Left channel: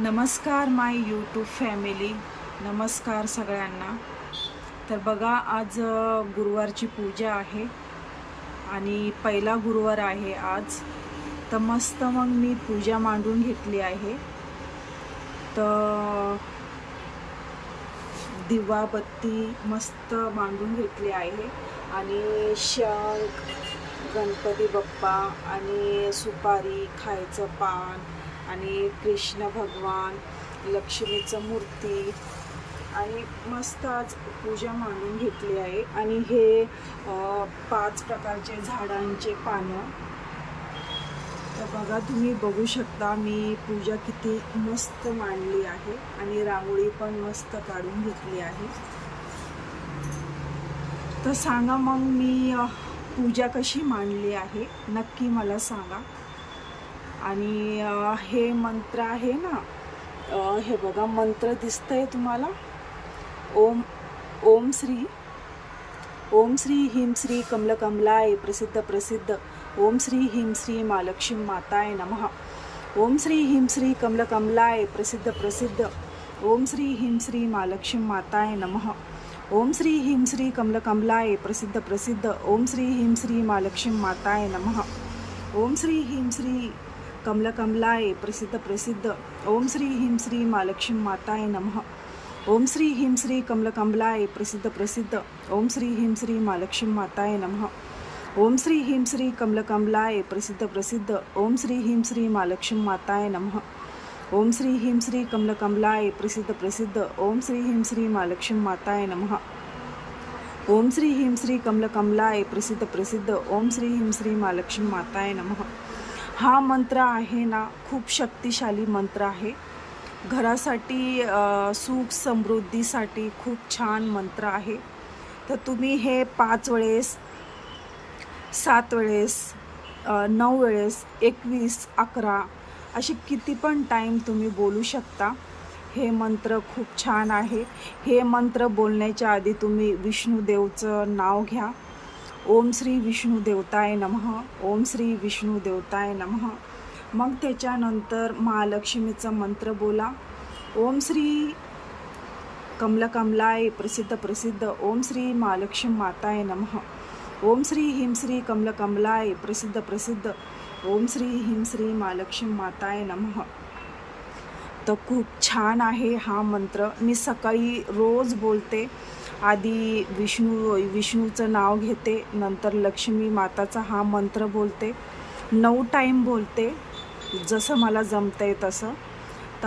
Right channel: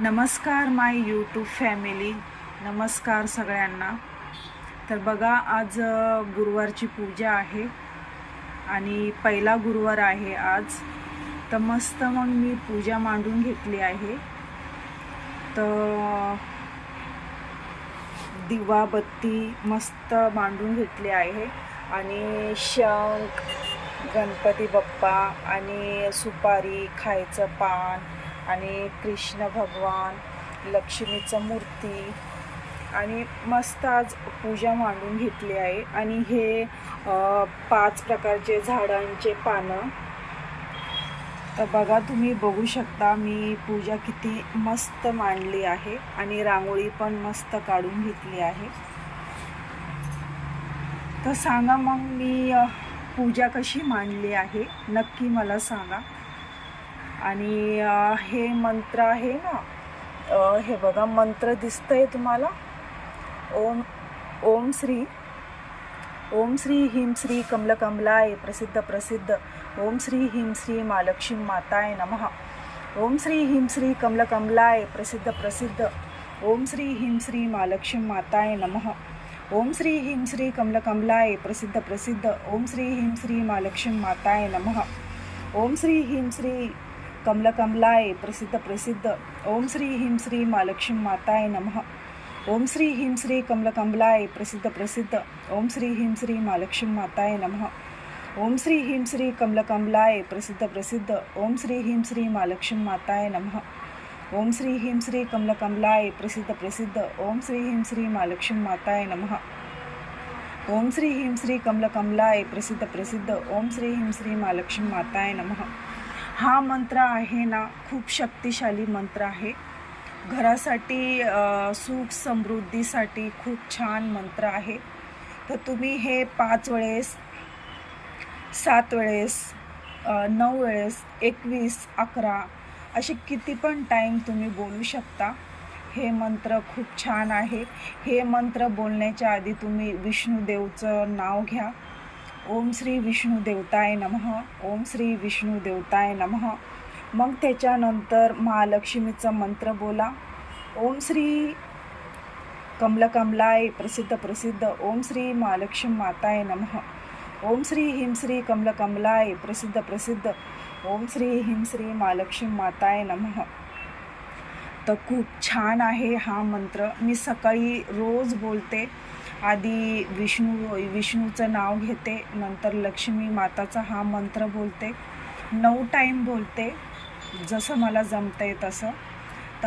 नमस्कार माय YouTube family. नमस्कार सगळ्यांना. तर बघा, आज गुरुवारची पूजा आहे आणि पहिला गुरुवार आहे आज. तर मस्त मग मी पूजा मांडून घेतली आहे. तर दिवा बत्ती मस्त मांडून घेतली आहे आणि शंख, गणपती बाप्पा आणि सुपारी, खायचं पान आणि कृष्ण भगवान, लक्ष्मीचं मूर्ती आणि मस्त आज पूजा मांडून घेतली आहे. आणि हे 5 प्रकारचे झाडांचे पानं. तर बघा, तुम्ही बघू शकता मी पूजा किती मस्त मांडली आहे आणि रांगोळी पण मस्त काढून घेतली आहे. तर सांगा मग मी पूजा कशी मांडली आहे, नक्की मला सांगा. आणि हे मंत्र आहे ना, हे बघा मंत्र दिसतंय तुम्हाला. ओम श्री ह्रीं श्री कमलकमलाय प्रसिद्ध प्रसिद्ध. ओम श्री ह्रीं श्री महालक्ष्मी माताय नमः. ओम श्री ह्रीं श्री कमलकमलाय प्रसिद्ध प्रसिद्ध. ओम श्री ह्रीं श्री महालक्ष्मी माताय नमः. ओम श्री ह्रीं श्री कमलकमलाय प्रसिद्ध प्रसिद्ध. ओम श्री ह्रीं श्री महालक्ष्मी माताय नमः. ओम श्री ह्रीं श्री कमलकमलाय प्रसिद्ध प्रसिद्ध. ओम श्री ह्रीं श्री महालक्ष्मी माताय नमः. ओम श्री ह्रीं श्री कमलकमलाय प्रसिद्ध प्रसिद्ध. ओम श्री ह्रीं श्री महालक्ष्मी माताय नमः. ओम श्री ह्रीं श्री कमलकमलाय प्रसिद्ध प्रसिद्ध. ओम श्री ह्रीं श्री महालक्ष्मी माताय नमः. ओम श्री ह्रीं श्री कमलकमलाय प्रसिद्ध प्रसिद्ध. ओम श्री ह्रीं श्री महालक्ष्मी माताय नमः. ओम श्री ह्रीं श्री कमलकमलाय प्रसिद्ध प्रसिद्ध. ओम श्री ह्रीं श्री महालक्ष्मी माताय नमः. हा मंत्र आहे ना, खूप शक्तिशाली मंत्र आहे. घरासाठी, सुख समृद्धीसाठी खूप छान मंत्र आहे. तर तुम्ही हे 5 वेळेस, 7 वेळेस, 9 वेळेस, 21, 11 असे किती पण टाईम तुम्ही बोलू शकता. हे मंत्र खूप छान आहे. हे मंत्र बोलण्याच्या आधी तुम्ही विष्णुदेवचं नाव घ्या. ओम श्री विष्णू देवताय नमः. ओम श्री विष्णू देवताय नमः. मग त्याच्यानंतर महालक्ष्मीचं मंत्र बोला. ओम श्री कमलकमलाय प्रसिद्ध प्रसिद्ध. ओम श्री महालक्ष्मी माताय नमः. ओम श्री ह्रीं श्री कमलकमलाय प्रसिद्ध प्रसिद्ध. ओम श्री ह्रीं श्री महालक्ष्मी माताय नमः. तर खूप छान आहे हा मंत्र. मी सकाळी रोज बोलते. आधी विष्णूचं नाव घेते, नंतर लक्ष्मी माताचा हा मंत्र बोलते. 9 टाईम बोलते, जसं मला जमतंय तसं.